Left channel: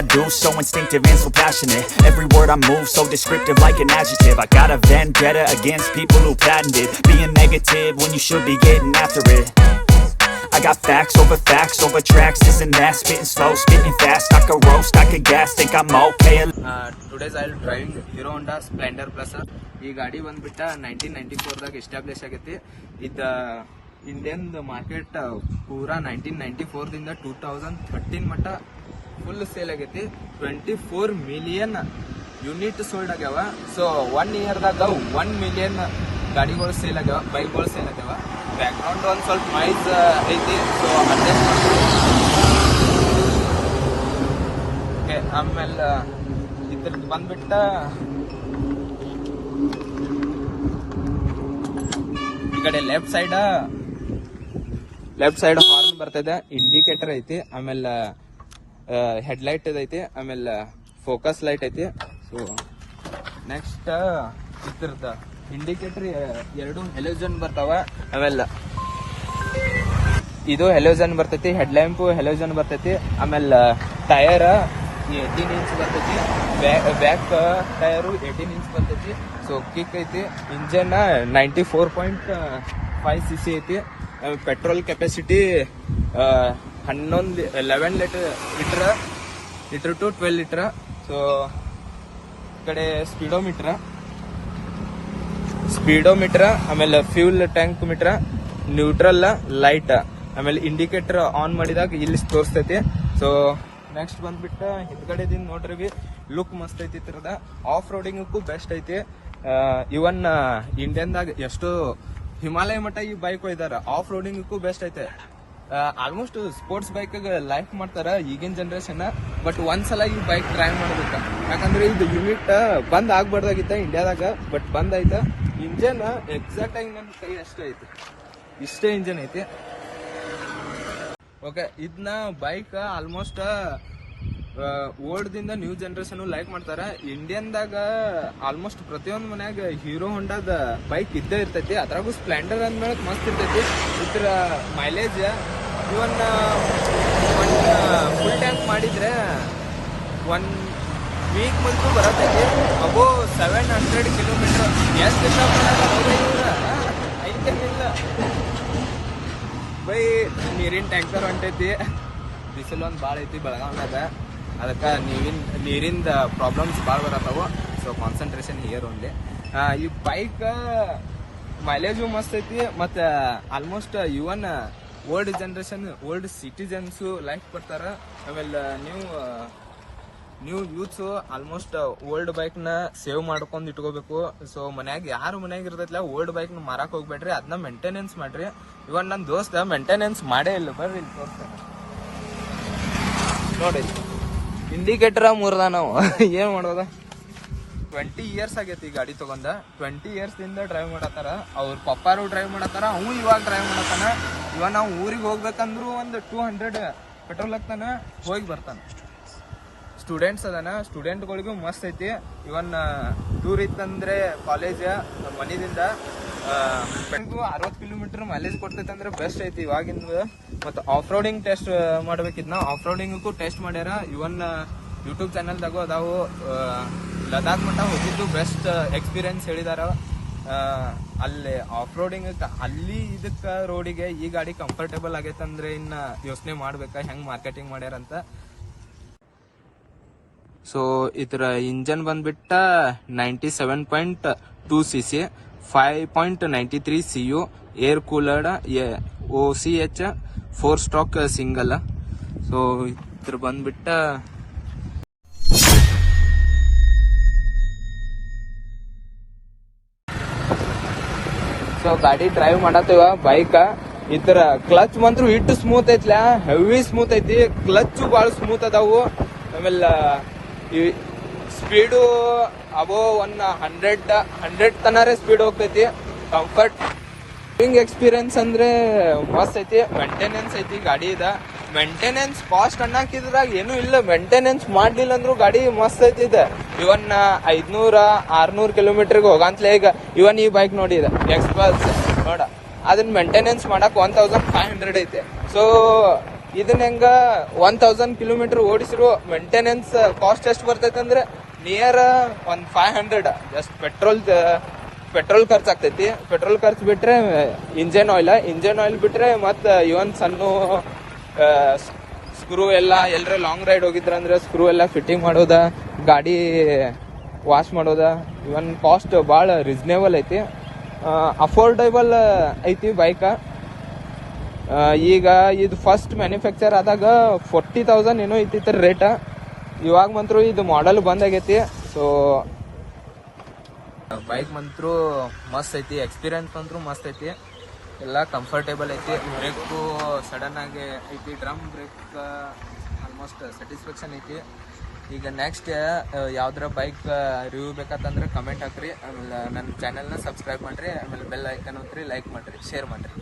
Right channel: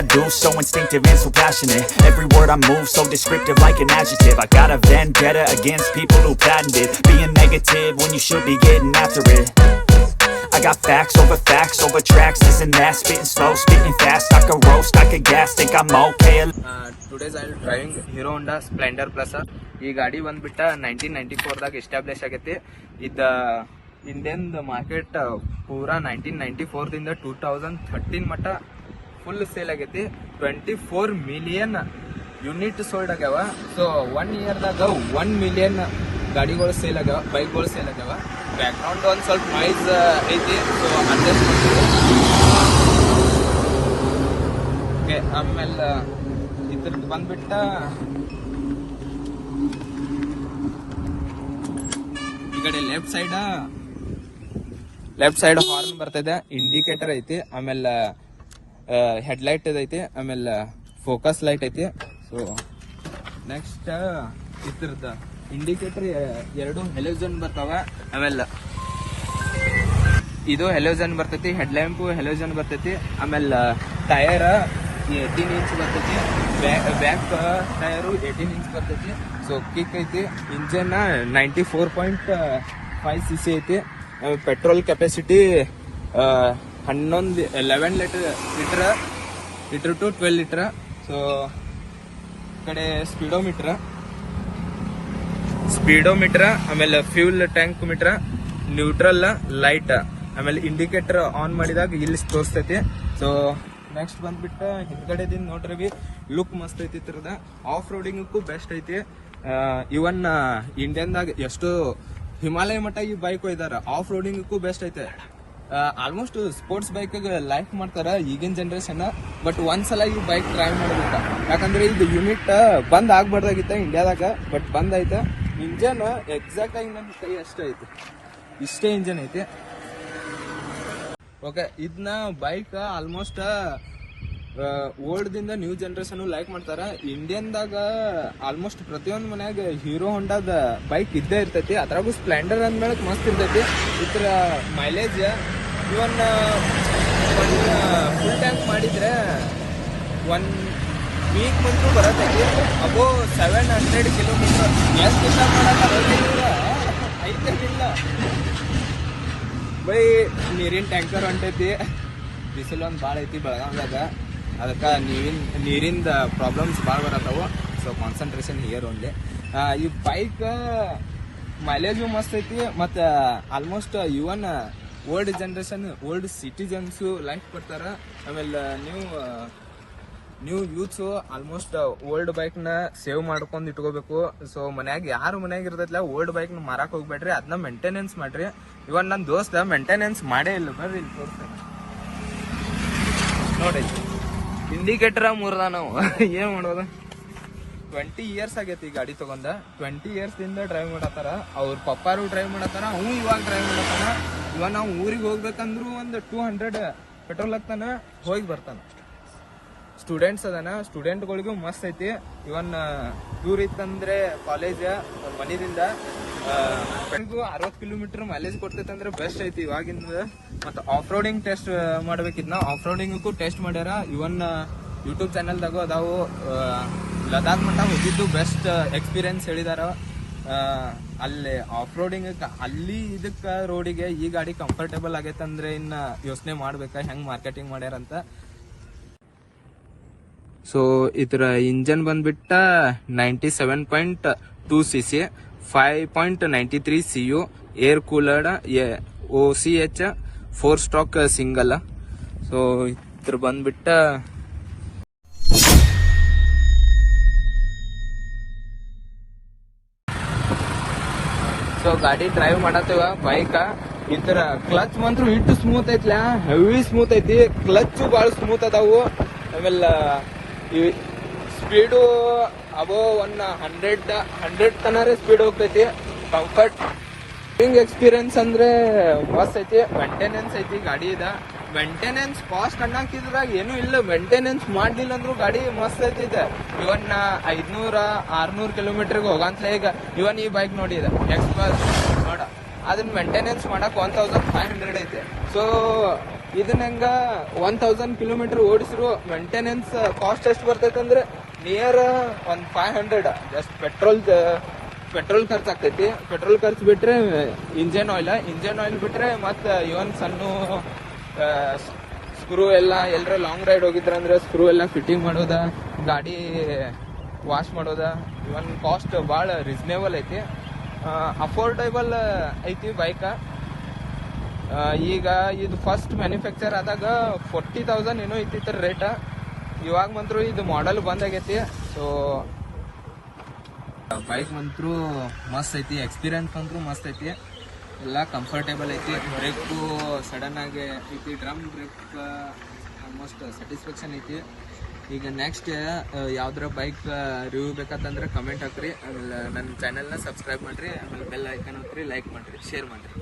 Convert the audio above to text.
I do, so instinctive and so passionate. Every word I move, so descriptive like an adjective. I got a vendetta against people who patented being negative when you should be getting after it. I got facts over tracks, this and that. Spitting slow, spitting fast, I could roast, I could gas, think I'm okay. Today's I'll driving Hero Honda Splendor Plus. ಈ ಗಾಡಿ ಬಂದ್ಬಿಟ್ಟ 1994ದಾಗ establish ಆಗೈತಿ. ಇದು Indian market ಪೂರಾ 1994ದಿಂದ 2013 ಮಟ್ಟ full sale ಆಗೈತಿ. 24 million unit sold ಆಗ್ಯಾವ. So 1 ಇಯರ್ದಾಗ 1 million ಗಾಡಿಗಳು ಸೇಲ್ ಆಗ್ಯಾವ, ಬೈಕ್ಗಳು ಸೇಲ್ ಆಗ್ಯಾವ. ಬ್ಯಾಕ್ ಗ್ರೌಂಡ್ ಒಂದು ಸ್ವಲ್ಪ ನಾಯ್ಸ್ ಐತಿ, ಸೊ ಅಡ್ಜಸ್ಟ್ ಮಾಡ್ತೀವಿ. ಓಕೆ, ಆಮೇಲೆ ಇದ್ರದ್ದು ಬಂದ್ಬಿಟ್ಟ ಈ ಕಡೆ ಲೆಫ್ಟ್ ಸೈಡ್ ಬರ್ತದೆ. ಇಂಡಿಕೇಟರ್ ಐತಿ, ಆಮೇಲೆ ಹೆಡ್ಲೈಟ್ ಐತಿ, ಆಮೇಲೆ ಫೋಕಸ್ ಲೈಟ್ ಐತಿ. ಸೊ ನೆಕ್ಸ್ಟ್ ಇದ್ರದ ಇಂಡಿಕೇಟರ್ 2 ಹೆಲೋಜನ್ ಬರ್ತಾವ. ಆಮೇಲೆ ಇದು ಹೆಲೋಜನ್ ಬರ್ತೈತಿ, ಹೆಡ್ ಲ್ಯಾಂಪ್ ಹೆಲೋಜನ್ ಬರ್ತೈತಿ. ಆಮೇಲೆ ಟೈರ್ 18 ಇಂಚ್ ಬರ್ತೈತಿ, ಬ್ಯಾಕ್ ಟೈರು 18 ಇಂಚ್ ಬರ್ತೈತಿ. ಸೊ ಕಿಕ್ ಐತಿ. ಇಂಜನ್ 94.5 cc ಐತಿ. Petrol capacity 11 litre to 12 litre. So ಈ ಕಡೆ ಸ್ಪೀಡೋಮೀಟರ್, ಆಮೇಲೆ fuel tank meter, neutral light, ಆಮೇಲೆ ಇಂಡಿಕೇಟರ್ ಆನ್ ಮಾಡಿದಾಗ ಇಲ್ಲಿ ತೋರಿಸ್ತೈತಿ. ಸೊ ನೆಕ್ಸ್ಟ್ ಬಂದ್ಬಿಟ್ಟು ಹಿಂದ್ಗಡೆದಿಂದ ನೋಡ್ರಿ, ಲುಕ್ ಮಸ್ತ್ ಐತಿ. ಇದ್ರದ ಆಫ್ ರೋಡಿಂಗಕ್ಕೂ ಬೆಸ್ಟ್ ಐತಿ. ಇವನ್ ಇಂಡಿಯನ್ದಾಗ ಎಷ್ಟು ಹಿಮಾಲಯ ಮಟ್ಟ ಈ ಬೈಕ್ ಒಯ್ದಾರ, ಆಫ್ ರೋಡಿಂಗಕ್ಕೂ ಬೆಸ್ಟ್ ಐತೆ. ಆಲ್ಮೋಸ್ಟ್ ಸ್ಪೋರ್ಟ್ಸ್ ಬೈಕ್ ಲೈಕ್ ಮಾಡ್ತಾರ ಈಗಿನ ಜನರೇಷನ್. ಬಟ್ ಒಂದ್ಸಲ ಈ ಬೈಕ್ ಟ್ರೈ ಮಾಡ್ಬೇಕ, ಯಾಕಂದ್ರೆ ಇದು ಯೂನಿಟ್ ಬಂದ್ ಆಗ್ಬಾರ್ದಾಗಿತ್ತ ಇಂಡಿಯಾದಾಗ, ಬಟ್ ಬಂದ್ ಆಯ್ತ. ಇಂಜನ್ ಎಕ್ಸಾಕ್ಟ್ ಆಗಿ ನನ್ನ ಕೈ ಅಷ್ಟೇ ಐತಿ, ಇಷ್ಟೇ ಇಂಜನ್ ಐತಿ. ಓಕೆ, ಇದನ್ನ ಬೈಕ್ ಆಲ್ಮೋಸ್ಟ್ ಓಲ್ಡ್ ದಿಂದ ನ್ಯೂ ಜನರೇಷನ್ ಲೈಕ್ ಮಾಡ್ತಾರ. ಇಂಡಿಯನ್ದಾಗ ಆಲ್ಮೋಸ್ಟ್ ಪ್ರತಿಯೊಂದು ಮನ್ಯಾಗ ಹೀರೋ ಹೊಂಡಾದ ಬೈಕ್ ಇದ್ದೇ ಇರ್ತೈತಿ. ಅದ್ರಾಗೂ ಸ್ಪ್ಲೆಂಡರ್ ಅಂದ್ಮೇಲೆ ಮಸ್ತ್ ಇರ್ತೈತಿ. ಇದ್ರ ಮೈಲೇಜ್ ಇವನ್ ಫುಲ್ ಟ್ಯಾಂಕ್ ಮಾಡಿದ್ರೆ 1 ವೀಕ್ ಬಂದು ಬರತೈತಿ. ಅಬೋ 700 ಕಿಲೋಮೀಟರ್. ಎಷ್ಟು ದಿವಸ ಮಾಡಕ್ಕಾರ ಇವ್ರ ಐತೇನಿಲ್ಲ, ಬರೀ ನೀರಿನ ಟ್ಯಾಂಕರ್ ಹೊಂಟೈತಿ. ಬಿಸಿಲು ಒಂದು ಭಾಳ ಐತಿ ಬೆಳಗಾವ್ದಾಗ, ಅದಕ್ಕೆ ನೀರಿಂದ ಪ್ರಾಬ್ಲಮ್ಸ್ ಭಾಳ ಬರತ್ತಾವು. So concentration here only. ಈ ಬೈಕ್ ಮೈಲೇಜು ಮಸ್ತ್ ಐತಿ. ಮತ್ತು almost even old generation, old citizens like ಬರ್ತಾರ. ಆಮೇಲೆ ನ್ಯೂ ಯೂತ್ಸು ಆಲ್ಮೋಸ್ಟ್ ಓಲ್ಡ್ ಬೈಕ್ನ ಸೇವ್ ಮಾಡ್ಕೊಂಡು ಇಟ್ಕೋಬೇಕು. ಸೊ ಯಾರು ಮನ್ಯಾಗ ಇರ್ತೈತಿಲ್ಲ, ಓಲ್ಡ್ ಬೈಕ್ನ ಮಾರಕ್ಕೆ ಹೋಗ್ಬೇಡ್ರಿ, ಅದನ್ನ ಮೇಂಟೆನೆನ್ಸ್ ಮಾಡ್ರಿ. ಇವನ್ ನನ್ನ ದೋಸ್ತ ಮೇಂಟೆನೆನ್ಸ್ ಮಾಡೇ ಇಲ್ಲ. ಬರ್ರಿ ಇಲ್ಲಿ ತೋರಿಸ್ತಾನೆ ನೋಡಿ, ಇಂಡಿಕೇಟರ್ ಮುರ್ದ. ನಾವು ಏನ್ ಮಾಡೋದು? 20 ಇಯರ್ಸ್ ಆಗೈತಿ ಈ ಗಾಡಿ ತಗೊಂಡ. 20 ಇಯರ್ಸ್ ದಿಂದ ಡ್ರೈವ್ ಮಾಡತ್ತಾರ. ಅವ್ರ ಪಪ್ಪಾರು ಡ್ರೈವ್ ಮಾಡತ್ತಾರ, ಅವು ಇವಾಗ ಡ್ರೈವ್ ಮಾಡತ್ತಾನ. ಇವಾಗ ನಾವು ಊರಿಗೆ ಹೋಗ್ಬೇಕಂದ್ರು ಒಂದು 200 ಪೆಟ್ರೋಲ್ ಹಾಕ್ತಾನ, ಹೋಗಿ ಬರ್ತಾನ. ಸ್ಟೂಡೆಂಟ್ಸ್ ಅದಾನ, ಸ್ಟೂಡೆಂಟ್ಗಳಿಗೂ ಮಸ್ತ್ ಐತಿ. ಇವನ್ ಟೂರ್ ಇತ್ತಂದ್ರೆ ಕಾಲೇಜ್ ಮನೆಯಿಂದ 60 ಕಿಲೋಮೀಟರ್ ಮೈಲೇಜ್ ಕೊಡ್ತೈತೆ ಅಂದ್ರೆ ಬೆಸ್ಟ್ ಐತಿ ಇವಾಗಿಂದ. ಮತ್ತು ಆಫ್ ರೋಡಿಂಗ್ ಟೆಸ್ಟ್ ಮಾಡ್ಬೇಕಿದ್ನ, ಆಫ್ ರೋಡಿಂಗಕ್ಕೂ ಟೆಸ್ಟ್ ಮಾಡ್ಯಾರ. ಇವನ್ ಯೂಟ್ಯೂಬ್ ಚಾನಲ್ದಾಗೂ ಅದಾವು. ಲದಾಖ್ ಮಟ್ಟ ಹೋಗಿದ್ದು ಬೆಸ್ಟ್ ಎಕ್ಸ್ಪೀರಿಯನ್ಸ್ ಹೇಳಿದಾರ. ಅಲ್ಲಿ ಆಫ್ ರೋಡಿಂಗ್ ಅಲ್ಲಿ ಇದಕ್ಕ ರೋಡಿಗೆ ಈ ಗಾಡಿ ಕಂಫರ್ಟೇಬಲ್ ಆಗೈತೆ ಅಂದ್ರೆ ಇನ್ನ ಯೋಚನೆ ಮಾಡ್ಬೇಕಾ ಹೆಂಗ್ ಮಾರ್ಕೆಟಿಂಗ್ ಮಾಡ್ಯಾರಂತ. ಸೊ ಇದರ ಇಂಜನ್ ಬಂದ್ಬಿಟ್ಟ 97.2 cc, 5.93 CU, air cooled, OCH 4 stroke single. So ಇದ್ರ ಬಂದ್ಬಿಟ್ಟ ಸೊ ಗಾಡಿ ಡ್ರೈವ್ ಮಾಡತ್ತೇವ ಬೈಕ್. ಇದ್ರ ಕ್ಲಚ್ ಮಂತ್ರ ಇಟ್ಟು ಸ್ಮೂತ್ ಐತ್ಲ, ಹೆವಿ ಸ್ಮೂತ್ ಐತಿ. ಕ್ಲಚ್ ಬಾಳ ಸ್ಮೂತ್ ಅದಾವು. ಆಮೇಲೆ ಸ್ಪೀಡು ಅಬೋ 100 ತನರೇ ಸ್ಪೀಡ್ ಹೋಗ್ತೈತಿ. ಕಂಫರ್ಟ್ ಎಕ್ಸ್ಪೀರಿಯನ್ಸ್ ಅಂದ್ರೆ ಮಸ್ತ್ ಐತಿ. ಮೇಂಟೆನೆನ್ಸ್ ಐತಿ ಗಾಡಿದ. ಮೇಂಟೆನೆನ್ಸ್ ಕಾಸ್ಟ್ ಅನ್ನಕಿದ್ರಾಗ ಏನು ಇಲ್ಲ. ಮೇಂಟೆನೆನ್ಸ್ ಮಾಡ್ಲಿಲ್ಲ ಅಂದ್ರೂ ಗಾಡಿ ಮಸ್ತ್ ಐತಿ. ಇದೆ ಇವನ್ 500-600 ಕಿಲೋಮೀಟರ್ಗೆ ಹೋಗಂತಲೇ. ಈಗ ಇವನ್ ಈ ಬೈಕ್ ನೋಡಿದ ಎಕ್ಸ್ಪ್ರೆಸ್ ನೋಡ, ಅದನ್ನ ಮೇಂಟೆನೆನ್ಸ್ ಮಾಡಕ್ 1500 ಐತೆ. ಸೊ ಇದನ್ನ ಹೆಂಗ 1000 ಕಿಲೋಮೀಟರ್ ಓಡಿಸಿರೋ ಮೇಂಟೆನೆನ್ಸ್ ಕಾಸ್ಟ್ ಎಷ್ಟು ಬರ್ತೈತೆ ಅಂದ್ರೆ ನಿಯರ್ ಒಂದು 500 ಜಸ್ಟ್ ಪೆಟ್ರೋಲ್ ಖರ್ಚು ಆಗ್ತೈತಿ. ಪೆಟ್ರೋಲ್ ಖರ್ಚು ಬಿಟ್ರೆ ಇಂಜನ್ ಆಯಿಲ್ ಬಿಟ್ರೆ ಮತ್ತೆ ಇವನ್ ಸಣ್ಣ ಸ್ಕ್ರೂ ಎಲ್ಲ ಎಲ್ಲರ ಲಾಂಗ್ ರೈಡ್ ಹೋಗಿದ್ರಂದ್ರೆ ಸ್ಕ್ರೂ ಎಲ್ಲ ಫಿಟ್ಟಿಂಗ್ ಮಾಡೋದ, ಗಾಡಿ ವಾಶ್ ಮಾಡೋದ, ಇವನ್ ಕಾಸ್ಟ್ ಭಾಳ ರೀಸನೇಬಲ್ ಐತಿ, ಅಫೋರ್ಡೇಬಲ್ ಐತಿ ಬೈಕ. ಈಗ ಇದು ಫಸ್ಟ್ ಮ್ಯಾನುಫ್ಯಾಕ್ಚರ್ ಆದಾಗ 40,000 ಏನೋ ಐತಿ ರೇಟ. ಇವಾಗ ಮಂತ್ರು ಇದು ಮಾಡೆಲ್ ಬಂದಾಗೈತಿ. ಸೊ ಬೈಕ್ ಮಂತ್ರು ಮಸ್ತ್ ಐತಿ, ಎಕ್ಸ್ಪೀರಿಯನ್ಸ್ ಅಂತೂ ಮಸ್ತ್ ಐತಿ, ಎಲ್ಲ ಕಂಫರ್ಟೇಬಲ್ ಐತಿ. ಬ್ರೇಕು ಸಡನ್ ಆಗಿ ಐತಿ, ಡ್ರಮ್ ಬ್ರೇಕ್ ಆಲ್ಮೋಸ್ಟ್ ಸ್ಯಾಟಿಸ್ಫ್ಯಾಕ್ಷನ್ ಐತಿ. ಈಗ ನೆಕ್ಸ್ಟ್ ಯಾವ್ದಾರ ಬೈಕ್ ರಿವ್ಯೂ ಬೇಕಂತಂದ್ರೆ ಕಮೆಂಟ್ ಹಾಕ್ರಿ. ಆಮೇಲೆ ನನ್ನ ಚಾನೆಲ್ನ ಸಬ್ಸ್ಕ್ರೈಬ್ ಮಾಡಿರಿ, ಆಮೇಲೆ ಬೆಲ್ ಐಕನ್ ಒತ್ತಿರಿ, ಲೈಕ್ ಮಾಡಿರಿ, ಶೇರ್ ಮಾಡಿರಿ.